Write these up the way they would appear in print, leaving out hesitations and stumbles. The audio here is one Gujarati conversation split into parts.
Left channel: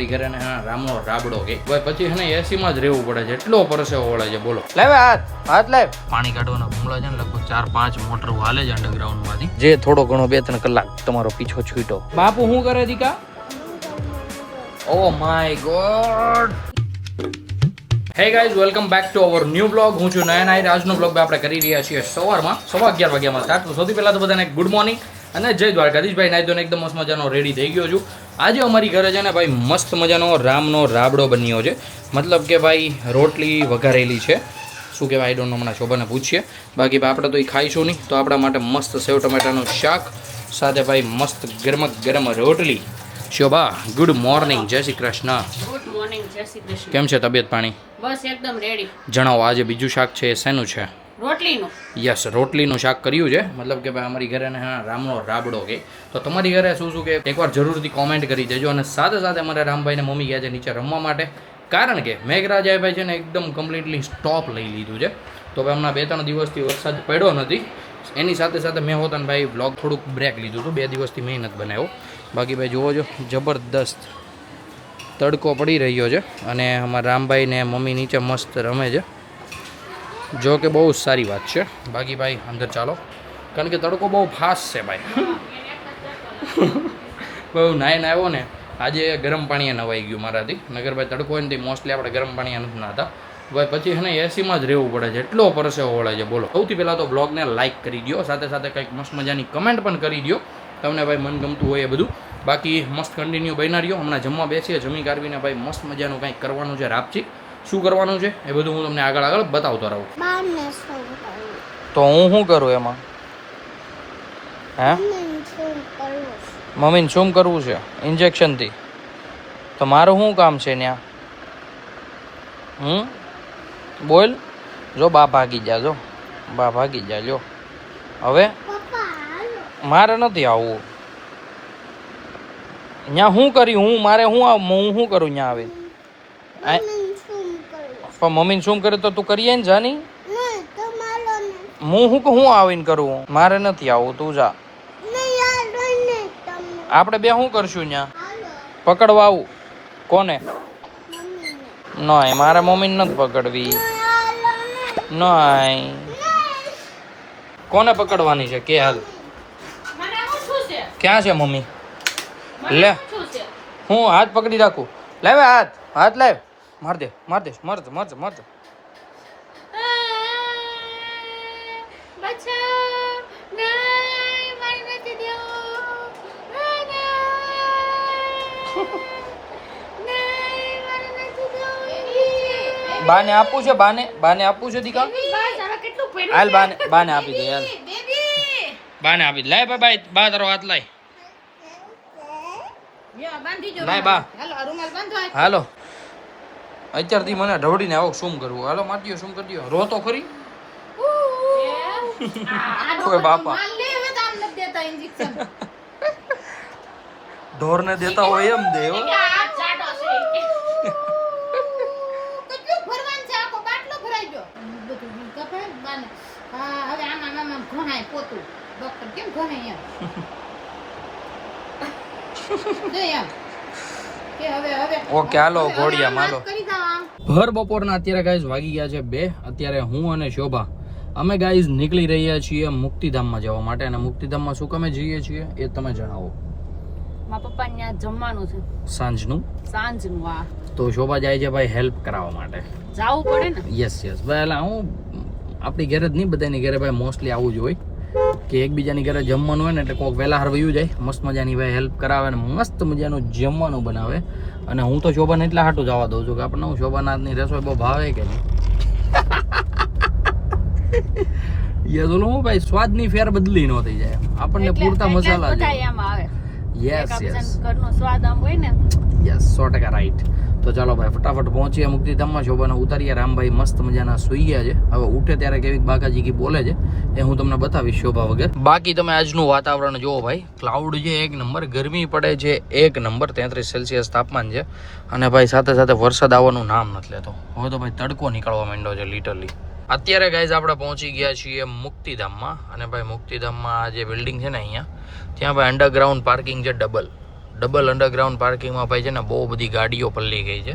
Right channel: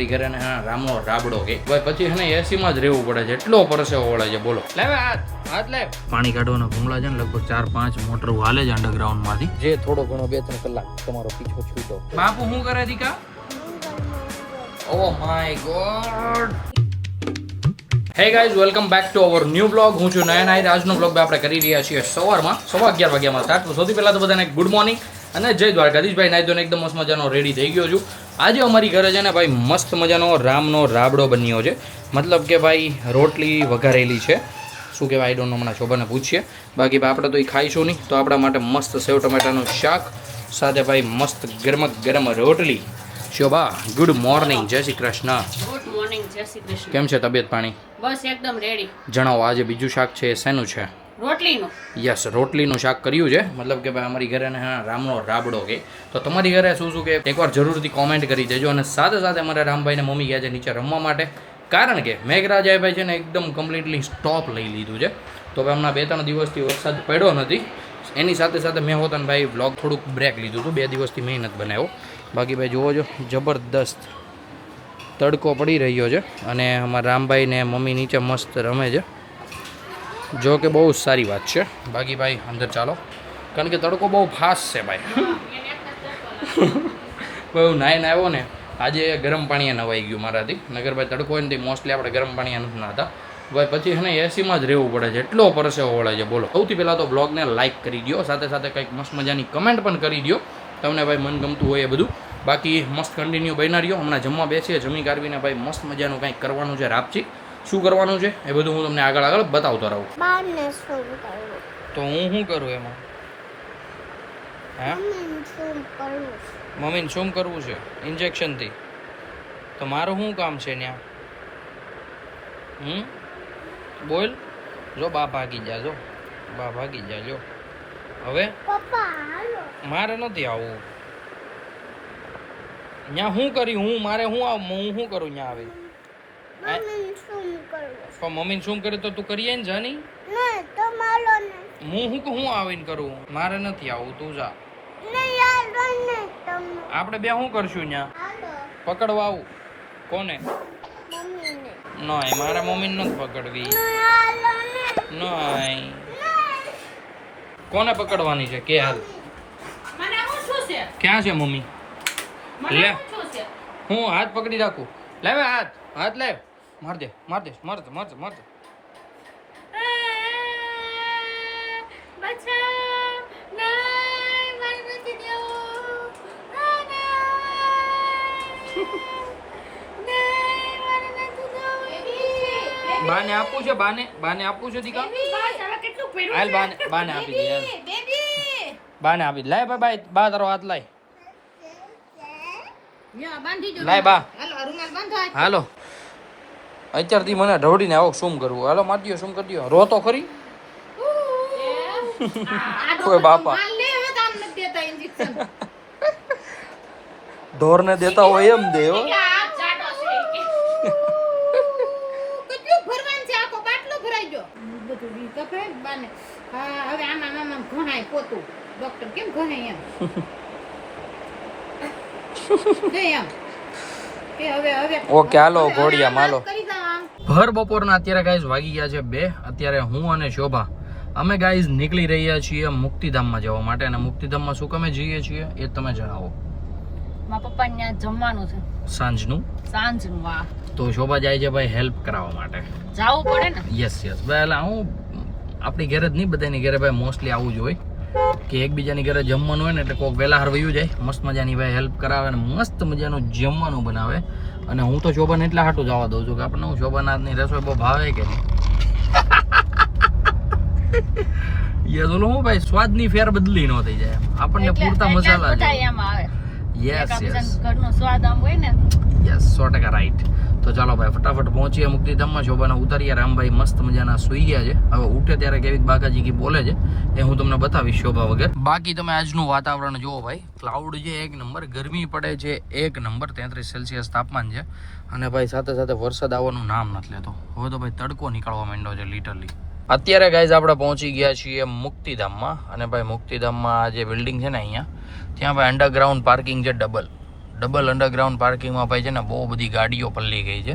અમારી ઘરે ને રામનો રાબડો કે ભાઈ પછી હે ને એસીમાં જ રહેવું પડે છે, એટલો પરસેવો વળે છે. બોલો લાવ હાથ લાવ. પાણી કાઢવાના ભૂંગળા છે ને લગભગ 4-5 મોટર હાલે છે અંડરગ્રાઉન્ડ માંથી, જે થોડો ઘણો 2-3 કલાક તમારો પીછો છૂટો. બાપુ શું કરે દીકા? Oh my god. Hey guys, welcome back to our new blog. હું છું નયન આહિર. આજનો બ્લોગ આપણે કરી રહ્યા છીએ સવારમાં 11:15 વાગ્યામાં સ્ટાર્ટ. તો સૌથી પહેલાં તો બધાને ગુડ મોર્નિંગ અને જય દ્વારકાધીશભાઈ. નાઈ ધોઈને એકદમ મસ્ત મજાનો રેડી થઈ ગયો છું. આજે અમારી ઘરે છે ને ભાઈ મસ્ત મજાનો રામનો રાબડો બન્યો છે, મતલબ કે ભાઈ રોટલી વઘારેલી છે. શું કહેવાય આઈ ડોન્ટ નો, હમણાં શોભાને પૂછીએ. બાકી આપણે તો એ ખાઈશું નહીં, તો આપણા માટે મસ્ત સેવ ટમેટાનું શાક સાથે ભાઈ મસ્ત ગરમ ગરમ રોટલી. શોભા ગુડ મોર્નિંગ, જય શ્રી કૃષ્ણ. ગુડ મોર્નિંગ, જય શ્રી કૃષ્ણ. કેમ છે તબિયત પાણી? બસ એકદમ રેડી. જણાવો, આજે બીજું શાક છે શેનું છે? રોટલીનું. યસ, રોટલીનું શાક કર્યું છે. મતલબ કે ભાઈ અમારી ઘરે ને રામનો રાબડો કે, તો તમારી ઘરે શું શું કે એકવાર જરૂરથી કોમેન્ટ કરી દેજો. અને સાથે સાથે અમારા રામભાઈને મમ્મી ગયા છે નીચે રમવા માટે, કારણ કે મેઘરાજાએ ભાઈ છે ને એકદમ કમ્પ્લીટલી સ્ટોપ લઈ લીધું છે. તો ભાઈ હમણાં 2-3 દિવસથી વરસાદ પડ્યો નથી. એની સાથે સાથે મેં હોતા ભાઈ વ્લોગ થોડુંક બ્રેક લીધું હતું, 2 દિવસથી મેં નથી બનાવ્યો. બાકી ભાઈ જુઓ છો, જબરદસ્ત તડકો પડી રહ્યો છે અને અમારા રામભાઈ ને મમ્મી નીચે મસ્ત રમે છે, જો કે બહુ સારી વાત છે. બાકી ભાઈ અંદર ચાલો, કારણ કે તડકો બહુ ફાસ્ટ છે ભાઈ. બહુ નાઈને આવ્યો ને આજે, ગરમ પાણીએ નવાઈ ગયું મારાથી. નગર ભાઈ તડકો હોય ને તે મોસ્ટલી આપણે ગરમ પાણીએ નથી નાતા ભાઈ, પછી છે ને એસીમાં જ રહેવું પડે છે, એટલો પરસેવો વળે છે. બોલો, સૌથી પહેલાં તો બ્લોગને લાઇક કરી દો, સાથે સાથે કંઈક મસ્ત મજાની કમેન્ટ પણ કરી દો તમને ભાઈ મન ગમતું હોય એ બધું. બાકી મસ્ત કન્ટિન્યુ બન્યા રહ્યો. હમણાં જમવા બેસીએ, જમી કાઢવીને ભાઈ મસ્ત મજાનું કંઈક કરવાનું છે. રાપચી શું કરવાનું છે એ બધું હું તમને આગળ બતાવતો રહું. તો હું શું કરું એમાં? હે, મમ્મીને શું કરવું છે? ઇન્જેક્શનથી? તો મારું શું કામ છે ત્યાં? બોલ. જો બા ભાગી જા, જો બા ભાગી જા. જો હવે મારે નથી આવવું ત્યાં. શું કરી હું? મારે શું આવ? હું શું કરું ત્યાં આવી? પણ મમ્મીને શું કરે તો તું કરીએ ને જાની. હું આવીને કરું? મારે નથી આવવું, તું જા. આપણે બે શું કરશું ત્યાં? પકડવા આવું? કોને? નહીં, મારા મમ્મીને નથી પકડવી. નહીં, કોને પકડવાની છે કે? હાલ, ક્યાં છે મમ્મી? લે, હું હાથ પકડી રાખું. લાવે હાથ લાવ. માર દે. બાને આપવું છે, બાને આપવું છે દીકા. હાલ બાને આપી દે. હાલ બાને આપી દે. લાય ભાઈ, બા તારો હાથ લાય. લાય બા. હાલો, અત્યારથી મને ઢવડીને આવો શું કરવું. હાલો મારજો, શું કરી દો. રો તો ખરી. કોઈ બાપા ઢોરને દેતા હોય એમ દે. ઓકે હાલો ઘોડિયા માલો. ભર બપોરના અત્યારે ગાઈઝ વાગી ગયા છે 2. અત્યારે હું અને શોભા અમે ગાઈઝ નીકળી રહ્યા છીએ મુક્તિધામમાં જવા માટે. અને મુક્તિધામમાં શું કામે જઈએ છીએ એ તમે જણાવો. મારા પપ્પા ત્યાં જમવાનું છે સાંજનું. હા. તો શોભા જાય છે ભાઈ હેલ્પ કરાવવા માટે. જાવું પડે ને. યસ ભાઈ. એટલે હું આપણી ઘરે જ નહીં, બધાની ઘરે ભાઈ મોસ્ટલી આવું જ હોય કે એકબીજાની ઘરે જમવાનું હોય ને એટલે કોઈક વહેલા હાર વયું જાય, મસ્ત મજાની ભાઈ હેલ્પ કરાવે અને મસ્ત મજાનું જમવાનું બનાવે. અને હું તો શોભાને એટલા હાટું જવા દઉં છું કે આપણને હું શોભાનાથની રસોઈ બહુ ભાવે કે નહીં. યસ, ઓલું હું ભાઈ સ્વાદની ફેર બદલી ન થઈ જાય, આપણને પૂરતા મસાલા છે. યસ ઘરનો સ્વાદ આમ હોય ને. Yes, 100% right. તો ચાલો ભાઈ ફટાફટ પહોંચીએ મુક્તિધામમાં. શોભાને ઉતારીએ. રામભાઈ મસ્ત મજાના સુઈ ગયા છે. હવે ઉઠે ત્યારે કેવી બાકાજી કી બોલે છે એ હું તમને બતાવીશ શોભા વગર. બાકી તમે આજનું વાતાવરણ જુઓ ભાઈ, ક્લાઉડ છે 1 નંબર, ગરમી પડે છે 1 નંબર, 33 સેલ્સિયસ તાપમાન છે. અને ભાઈ સાથે સાથે વરસાદ આવવાનું નામ નથી લેતો. હવે તો ભાઈ તડકો નીકળવા માંડ્યો છે લિટરલી. અત્યારે ગાઈઝ આપણે પહોંચી ગયા છીએ મુક્તિધામમાં. અને ભાઈ મુક્તિધામમાં જે બિલ્ડિંગ છે ને અહીંયા, ત્યાં ભાઈ અંડરગ્રાઉન્ડ પાર્કિંગ છે, ડબલ અંડરગ્રાઉન્ડ પાર્કિંગમાં ભાઈ છે ને બહુ બધી ગાડીઓ પલ્લી ગઈ છે.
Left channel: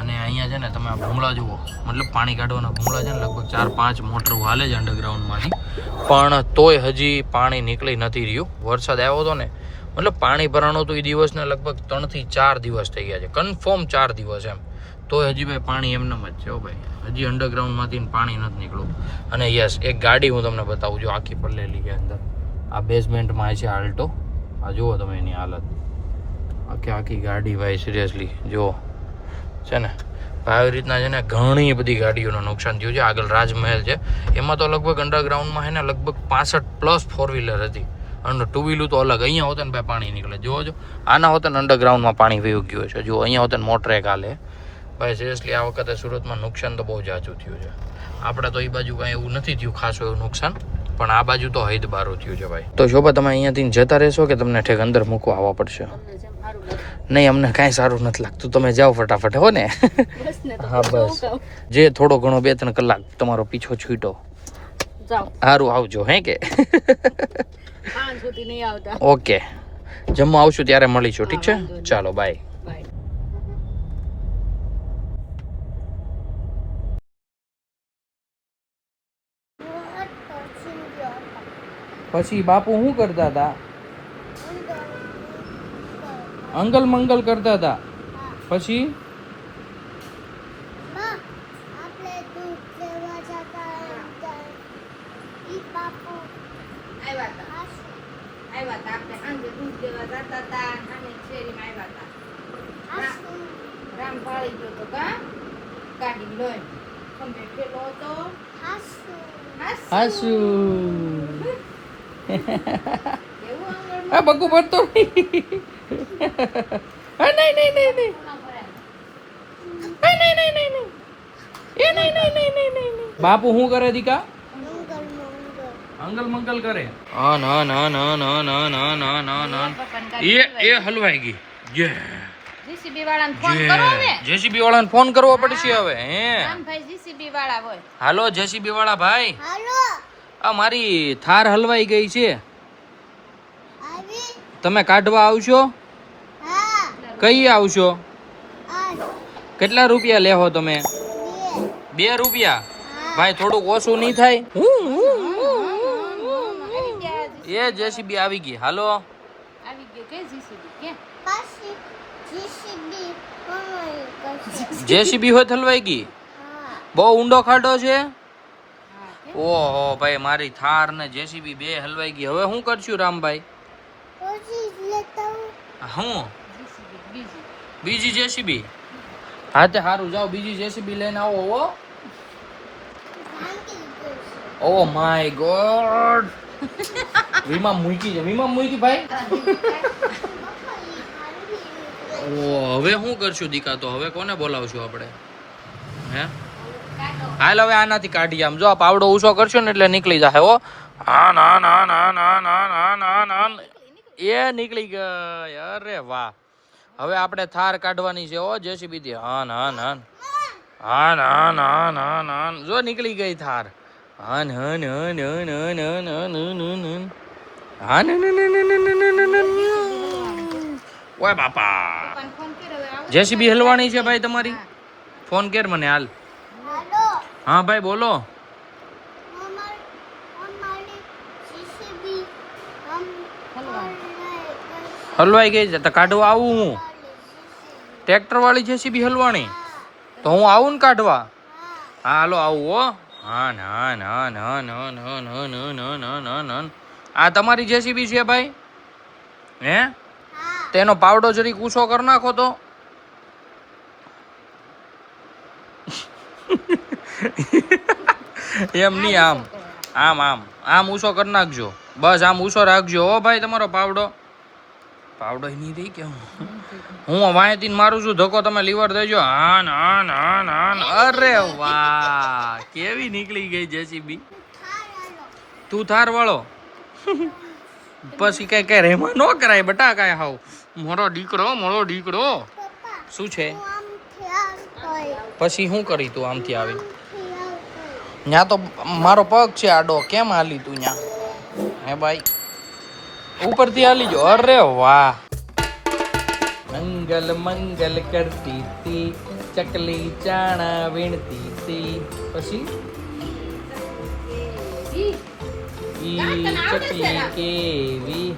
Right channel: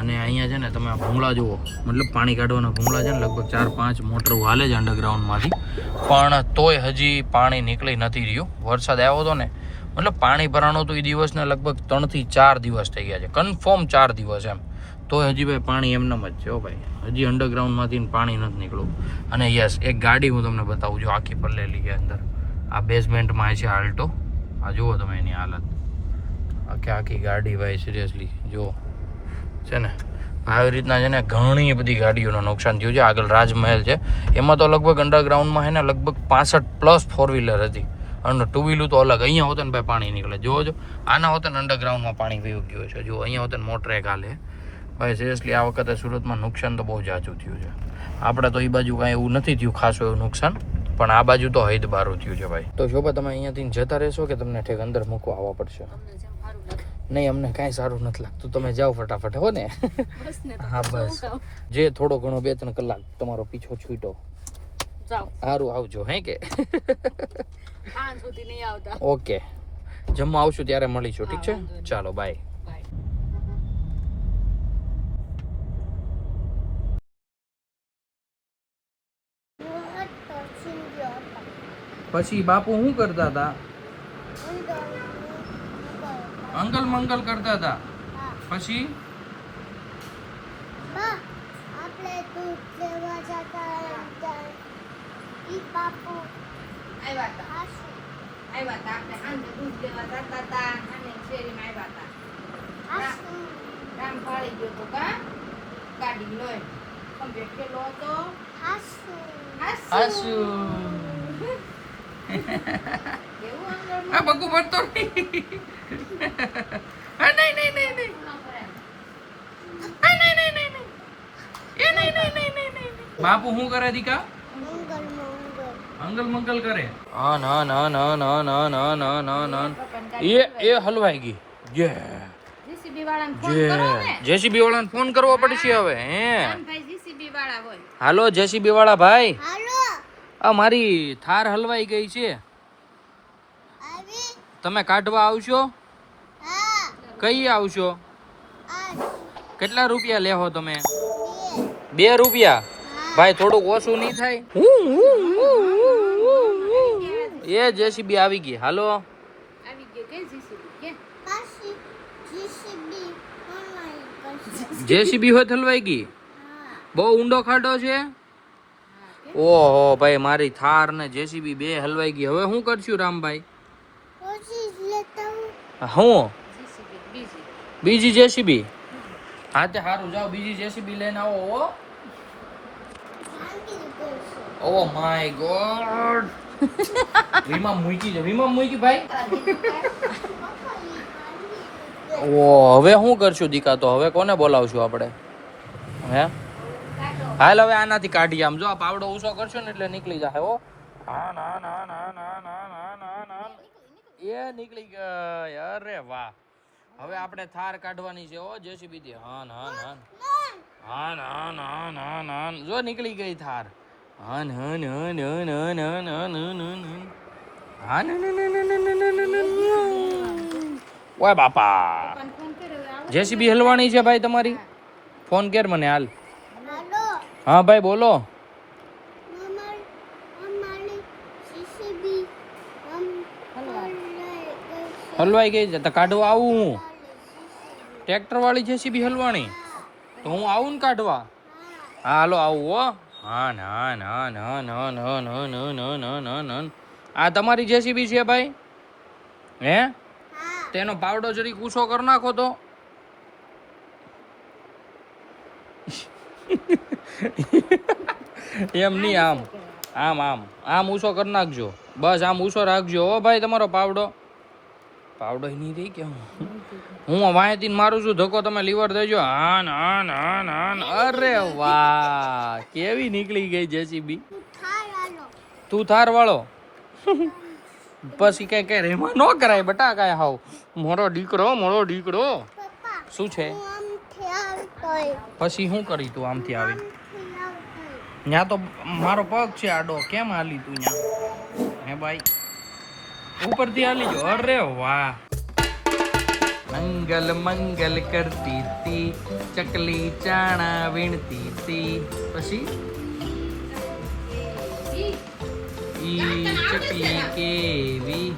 અને અહીંયા છે ને તમે આ ભૂંગળા જુઓ, મતલબ પાણી કાઢવાના ભૂંગળા છે ને લગભગ 4-5 મોટર હાલે છે અંડરગ્રાઉન્ડમાંથી, પણ તોય હજી પાણી નીકળી નથી રહ્યું. વરસાદ આવ્યો હતો ને, મતલબ પાણી ભરાણું હતું એ દિવસને લગભગ 3 થી 4 દિવસ થઈ ગયા છે, કન્ફર્મ 4 દિવસ એમ. તોય હજી ભાઈ પાણી એમનેમ જ છે હો ભાઈ, હજી અંડરગ્રાઉન્ડમાંથી પાણી નથી નીકળ્યું. અને યસ, એક ગાડી હું તમને બતાવું છું, આખી પલ્લેલી છે અંદર. આ બેઝમેન્ટમાં છે આલ્ટો, આ જુઓ તમે એની હાલત, આખી ગાડી ભાઈ સિરિયસલી જુઓ છે ને. આવી રીતના છે ને ઘણી બધી ગાડીઓનું નુકસાન થયું છે. આગળ રાજમહેલ છે, એમાં તો લગભગ અંડરગ્રાઉન્ડમાં છે ને લગભગ 65+ 4-વ્હીલર હતી, અને 2-વ્હીલર તો અલગ. અહીંયા હોતે ને ભાઈ પાણી નીકળે, જોવો આના હોતે ને અંડરગ્રાઉન્ડમાં પાણી વહી ગયું છે. જો અહીંયા હોતે ને મોટર એક હાલે ભાઈ. સિરિયસલી આ વખતે સુરતમાં નુકસાન તો બહુ જાજુ થયું છે. આપણે તો એ બાજુ કાંઈ એવું નથી થયું ખાસું એવું નુકસાન, પણ આ બાજુ તો હૈદ બારું થયું છે ભાઈ. તો શોભા તમે અહીંયાથી જતા રહેશો કે તમને ઠેક અંદર મૂકવા આવવા પડશે? નહીં, અમને કાંઈ સારું નથી લાગતું, તમે જાઓ ફટાફટ હો ને. હા બસ, જે થોડો ઘણો 2-3 કલાક તમારો પીછો છૂટો સારું આવજો હે કે. ઓકે, જમવા આવશું ત્યારે મળીશું, ઠીક છે? ચાલો બાય. પછી બાપુ શું કરતા હતા? અંગલ મંગલ કરતા હતા. પછી આ બગુ પડતો બાપુ શું કરે દીકા? અંગલ મંગલ કરે. હા ના ના ના ના ના ના ના ના ના એ હલવાઈ ગઈ. જે જેસીબી વાળાને ફોન કરવો પડશે હવે. હે હાલો જેસીબી વાળા ભાઈ, આ મારી થાર હલવાઈ ગઈ છે, તમે કાઢવા આવશો? કઈ આવશો? કેટલા રૂપિયા લેહો તમે? 2 રૂપિયા? ભાઈ થોડુંક ઓછું નહીં થાય? એ જેસીબી આવી ગઈ. હાલો જેસીબી હોત હલવાઈ ગઈ? બહુ ઊંડો ખાડો છે. ઓહો ભાઈ, મારી થાર ને જેસીબી 2 હલવાઈ ગઈ. હવે શું કરશું રામભાઈ? હું બીજી જેસીબી? હા તે સારું, જાઓ બીજી જેસીબી લઈને આવો. ઓ માય ગોડ, વીમા મૂકી છે, વીમા મૂકી ભાઈ. ઓ હવે શું કરશું દીકા? તો હવે કોને બોલાવશું આપણે? હે હાલ હવે આનાથી કાઢીએ. આમ જો આ પાવડો ઊંચો કરશો ને એટલે નીકળી જશે. હો હા ના ના ના ના ના ના ના ના એ નીકળી ગઈ. અરે વાહ, હવે આપણે થાર કાઢવાની છે. ઓ જેસીબી થી. હા ના ના હા ના ના ના ના જો નીકળી ગઈ થાર. હા ના ના ના ના ના ના ના હા ના ના ના ના ના. ઓય બાપા, જેસીબી હલવાણી છે ભાઈ તમારી. ફોન કર મને હાલ. હા ભાઈ બોલો. હલવાઈ ગઈ છે તો કાઢવા આવું હું? ટ્રેક્ટર વાળી જેસીબી હલવાણી તો હું આવું ને કાઢવા? હા હાલો આવું હો. હા ના ના ના ના ના ના ના ના ના ના ના. આ તમારી જેસીબી છે ભાઈ? હે તેનો પાવડો જરી ઊંચો કરી નાખો તો. એમ નહીં, આમ આમ આમ આમ ઊંચો કરી નાખજો. બસ આમ ઊંચો રાખજો હો ભાઈ. તમારો પાવડો નહીં રહી કે હું વાંયથી મારું છું ધક્કો, તમે લીવર દેજો. હા ના ના ના. અરે વાહ, કેવી નીકળી ગઈ જેસીબી. તું થાર વાળો? પછી કઈ રેમાં ન કરાય બટા, કઈ હાવ મોરો દીકરો. શું છે? પછી શું કરી તું આમથી આવી? ત્યાં તો મારો પગ છે આડો, કેમ હાલી તું ત્યાં? હે ભાઈ ઉપરથી હાલી જો. અરે વાહ, મંગલ મંગલ કરતી હતી, ચકલી ચાણા વીણતી હતી. પછી ઈ ચકલી કેવી